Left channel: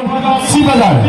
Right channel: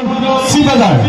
सीधा जाओ।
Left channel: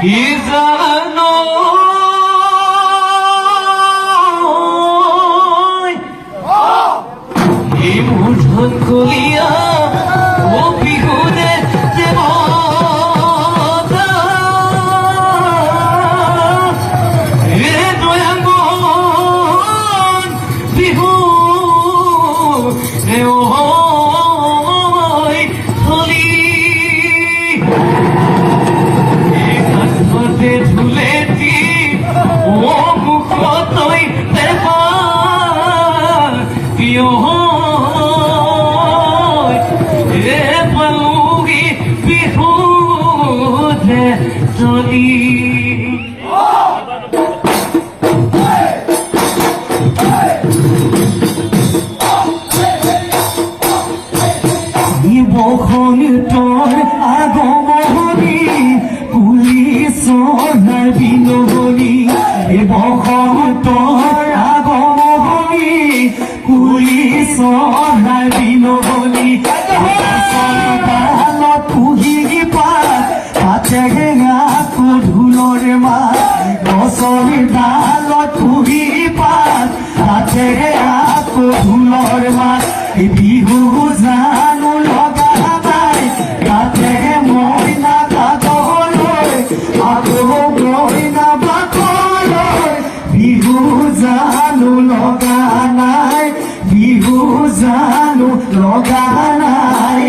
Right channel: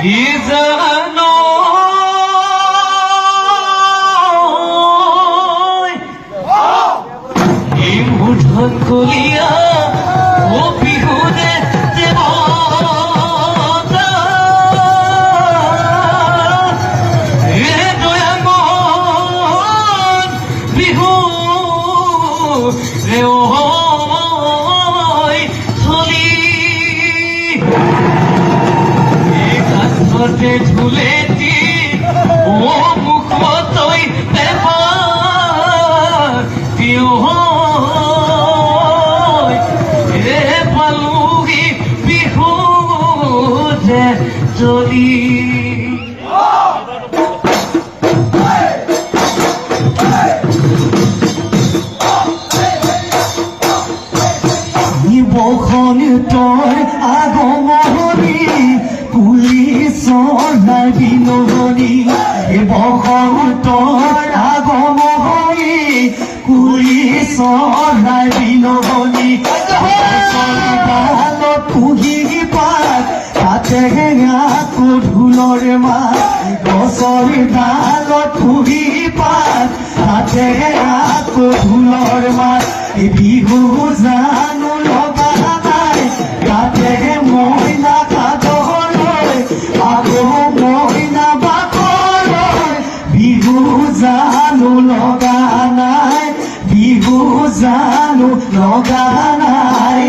কি জানো এই মুঠোন করিয়া ও বিহুরে যে বিহু রে থলি কাঠতে ঝুলেটি ও মুখ তৈ প্রিয় রে পালুগি বিহু যে চলি বখন তোর আগমনী পুলিচৰ বিনমনি বখন তোৰ আগমনী পুলিচৰ বিনমনি পুহি পাত তাতে আকৌ ঢোলৰ মাত গছৰ ডালত পুহি পাত তাতে আকৌ ঢোলৰ মাত বিহু জানো লগা নাই গাতে মইনা কাজলৈ আকৌ মইনা বাকলৈ বিহু জানো লগা নাই বিহু জানো লগা নাই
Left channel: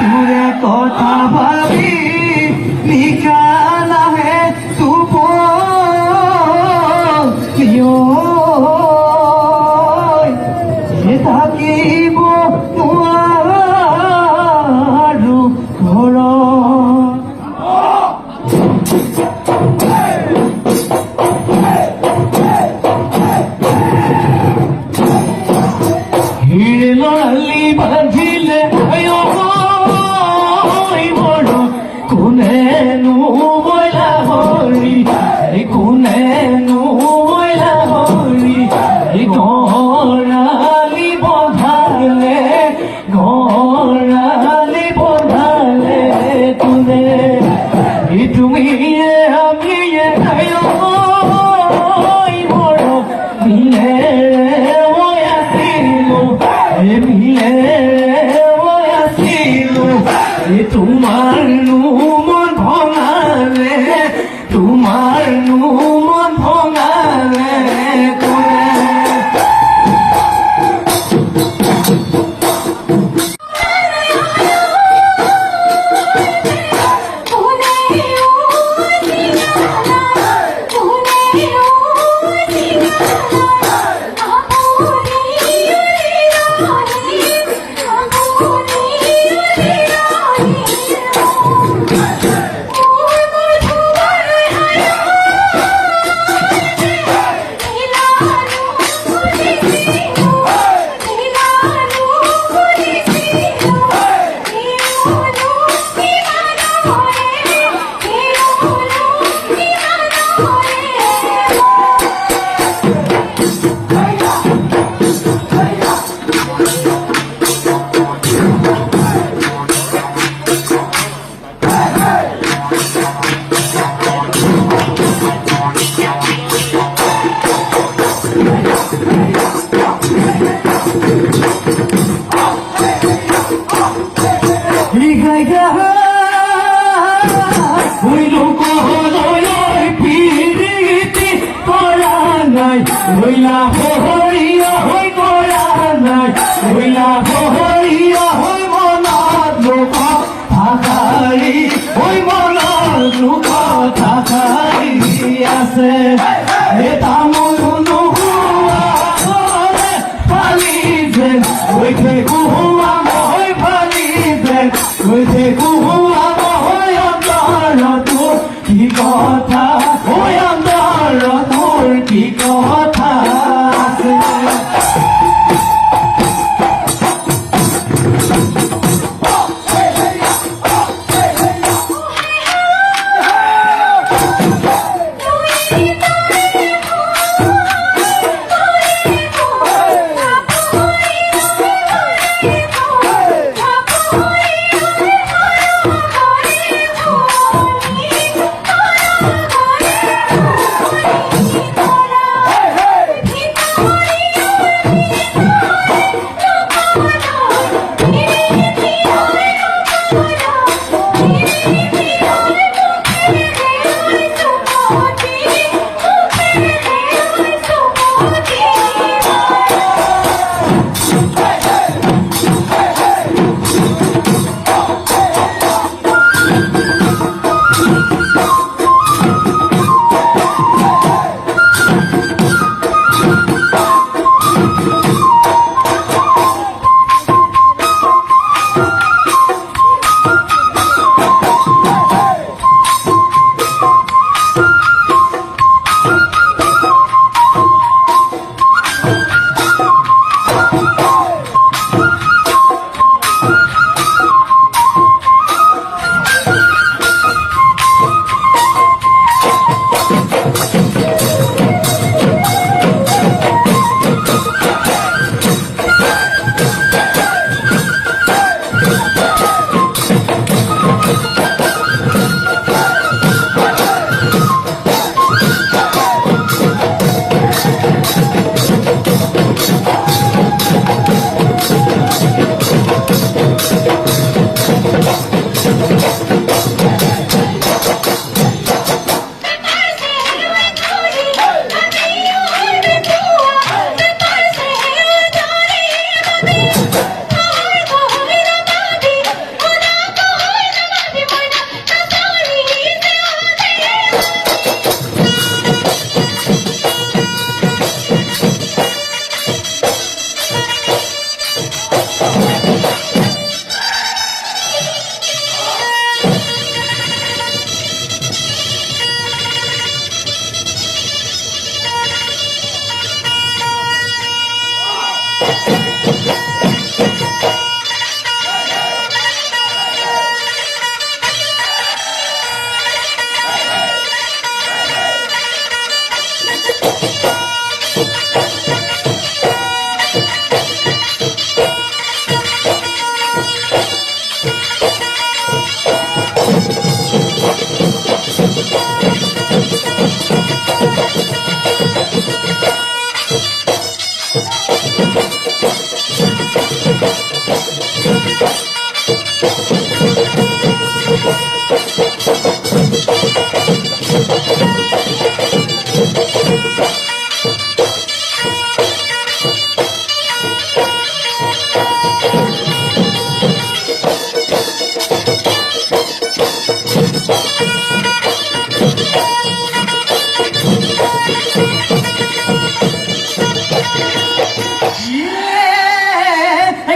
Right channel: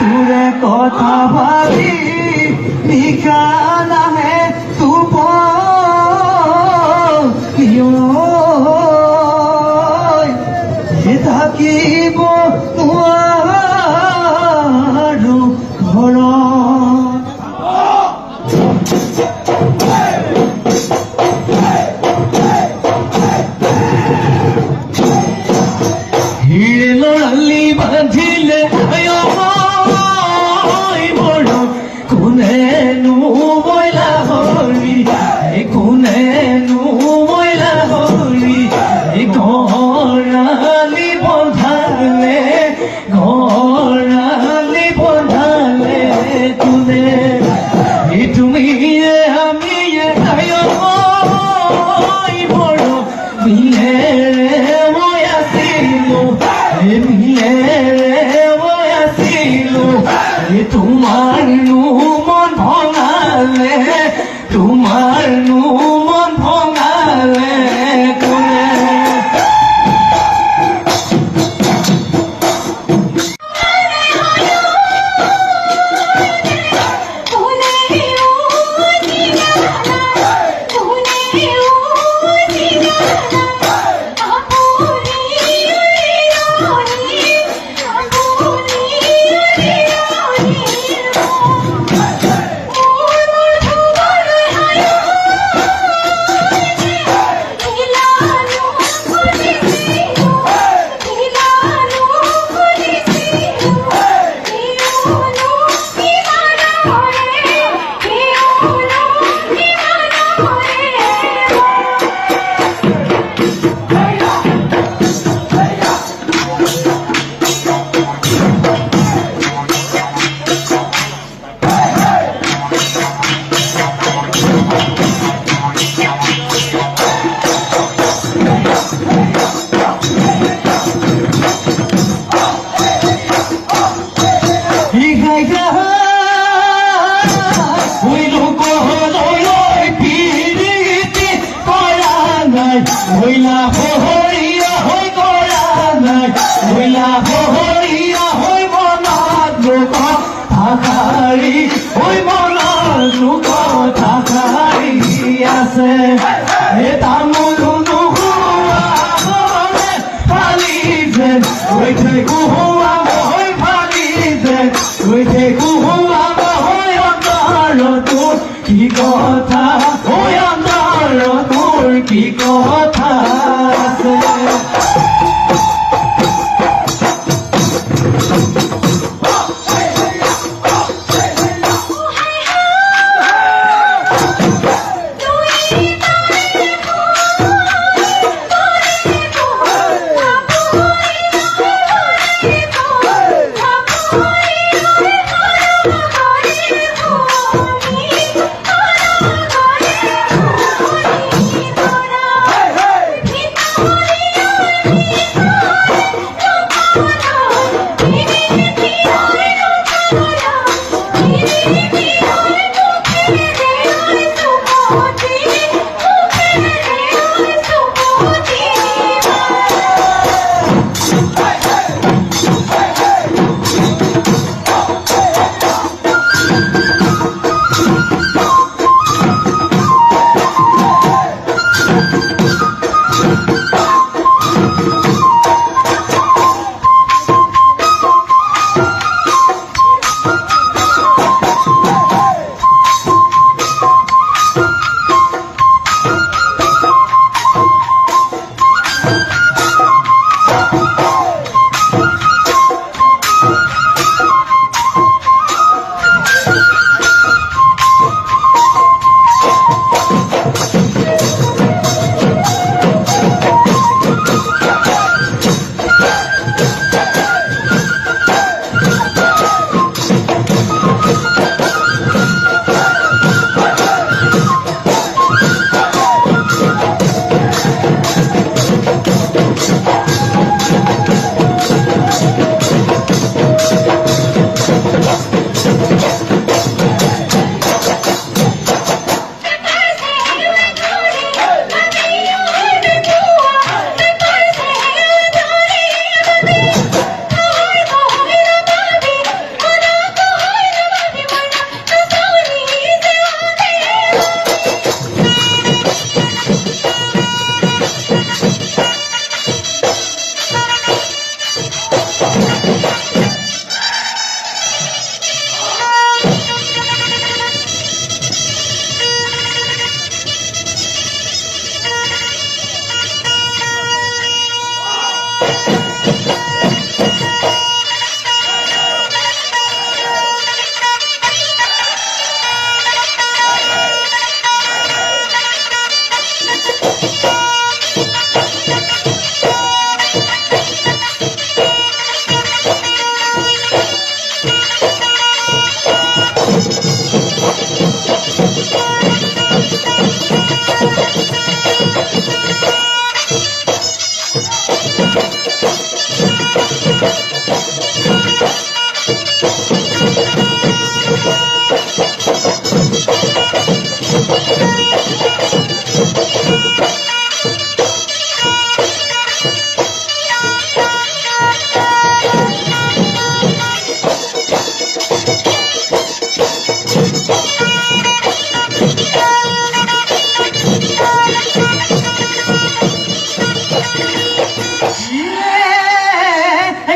তোরে কথা ভাবি নিশা নামে তুপ থাকিব নোৱাৰো হিৰলি বান্ধিলে কোনেনো মইলা হৰি কোনেনো মইলা হৰি গৰালি বন্ধালে কোনে তুমি আমিয়ে বড় মিলে মই আছিলো মিলে মই আছিলো তোমাৰ মন ভঙালে তোমাৰ মন ভঙালে থাকাৰি ওই মনৰ দুখ থাকাৰি আছে এটা ময়ো নোহোৱা ফালি যেন হৈ থাকো মই ফালি যেন হৈ থাকো মই অন্তৰতো কি কথা হৈ অন্তৰতোৰ কি কথা আছে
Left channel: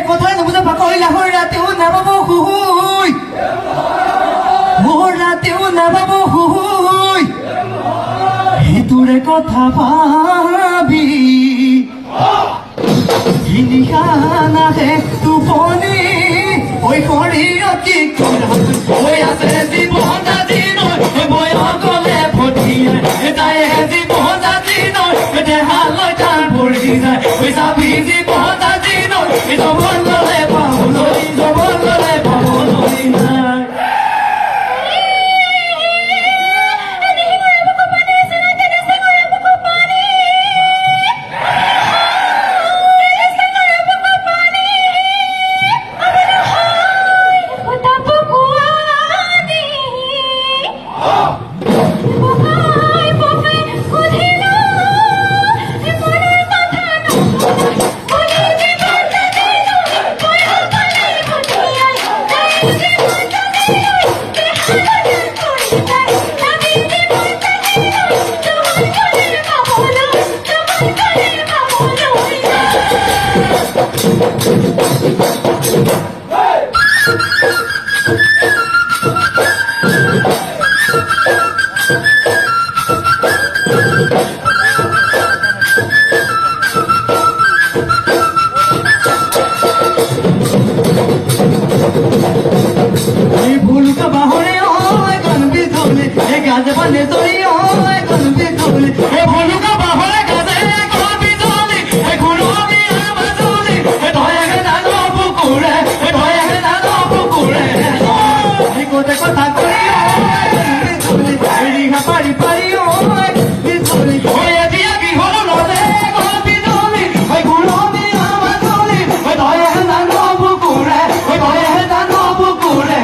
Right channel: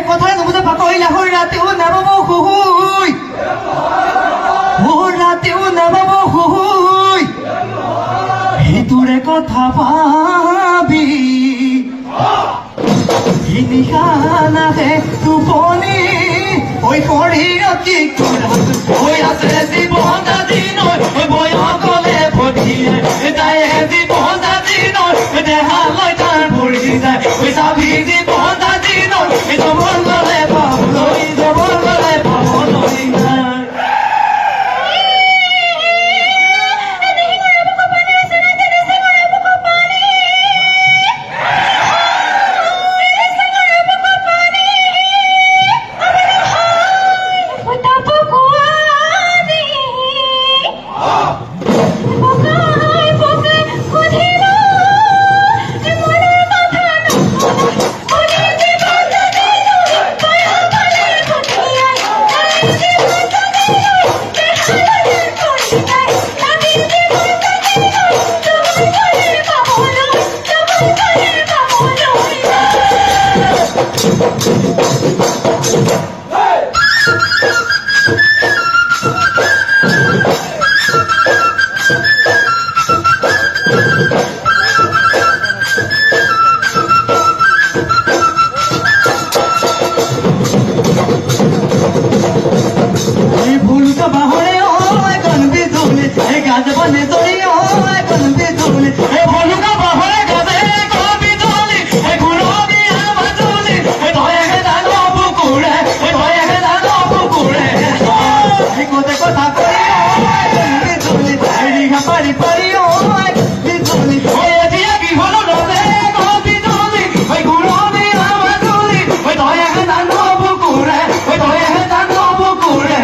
কথাই নুবুজে পাকৰিলা হৈ ৰাতিও নেবাব হুহুই ৰাতিও নেবাব হুহুই সেইটোৰে কথা পাবি নিশা নাহে টোপনি হৈ পৰি অতি হৈ আছে জীৱন দিনৰ বয়সকলে ভটিয়াই তাই জীৱন দিনৰ দেহালৈ তাৰ ভৰি যায় চাবি জীৱন দিনৰ জবন ললে পাবলৈ জবন ললে পাবলৈ নাই Utapokua বাহরে ও এখন বিজুলি এই গাছ বনে জড়ি ও এখন বিজুলি এই ভলুকা বাহরে গাছে এখন বিজুলি এই ঘুরবি আমার জুলি এই ধরে জানো পুকুরে এই ধরে জানো পুকুরে এই কোতে কথা কই এখন বিজুলি এই রিগা পারি পারি ও এখন বিজুলি এই দিয়া কি হলো নদে এখন বিজুলি এই ঘুরবি আমার জুলি এই ধরে জানো পুকুরে এই ধরে জানো পুকুরে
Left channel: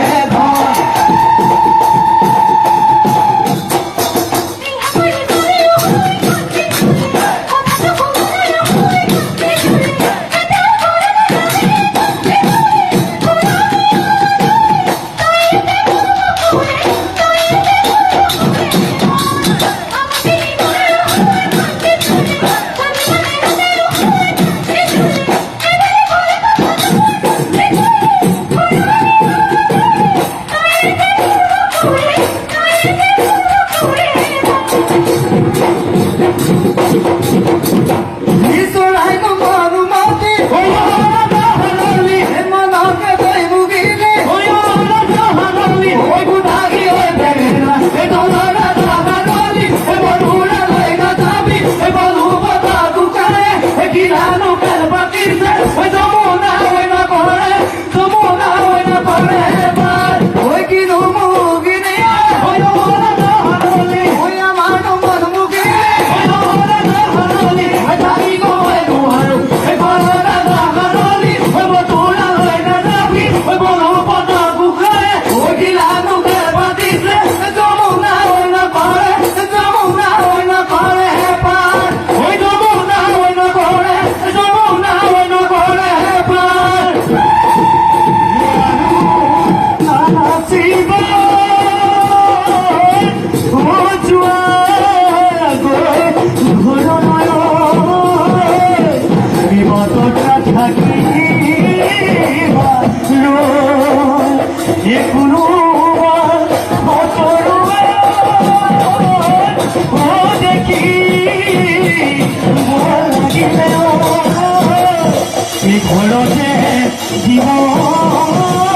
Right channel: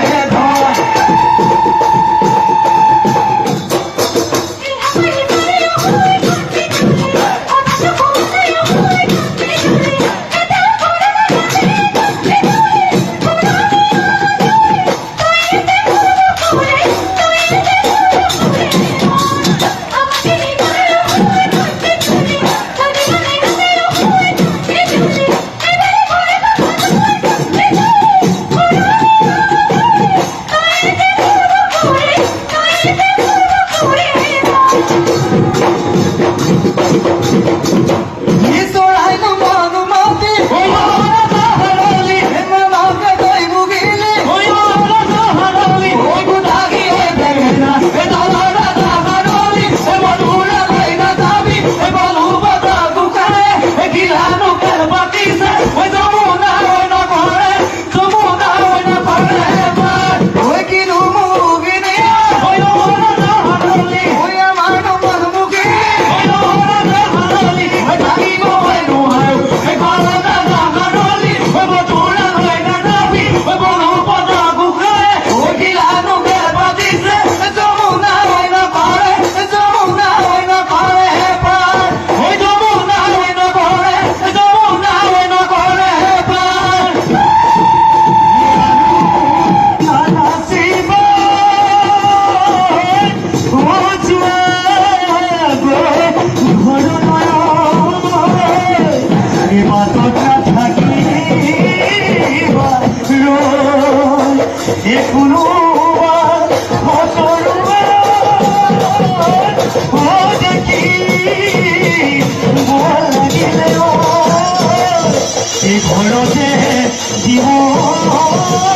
জীবন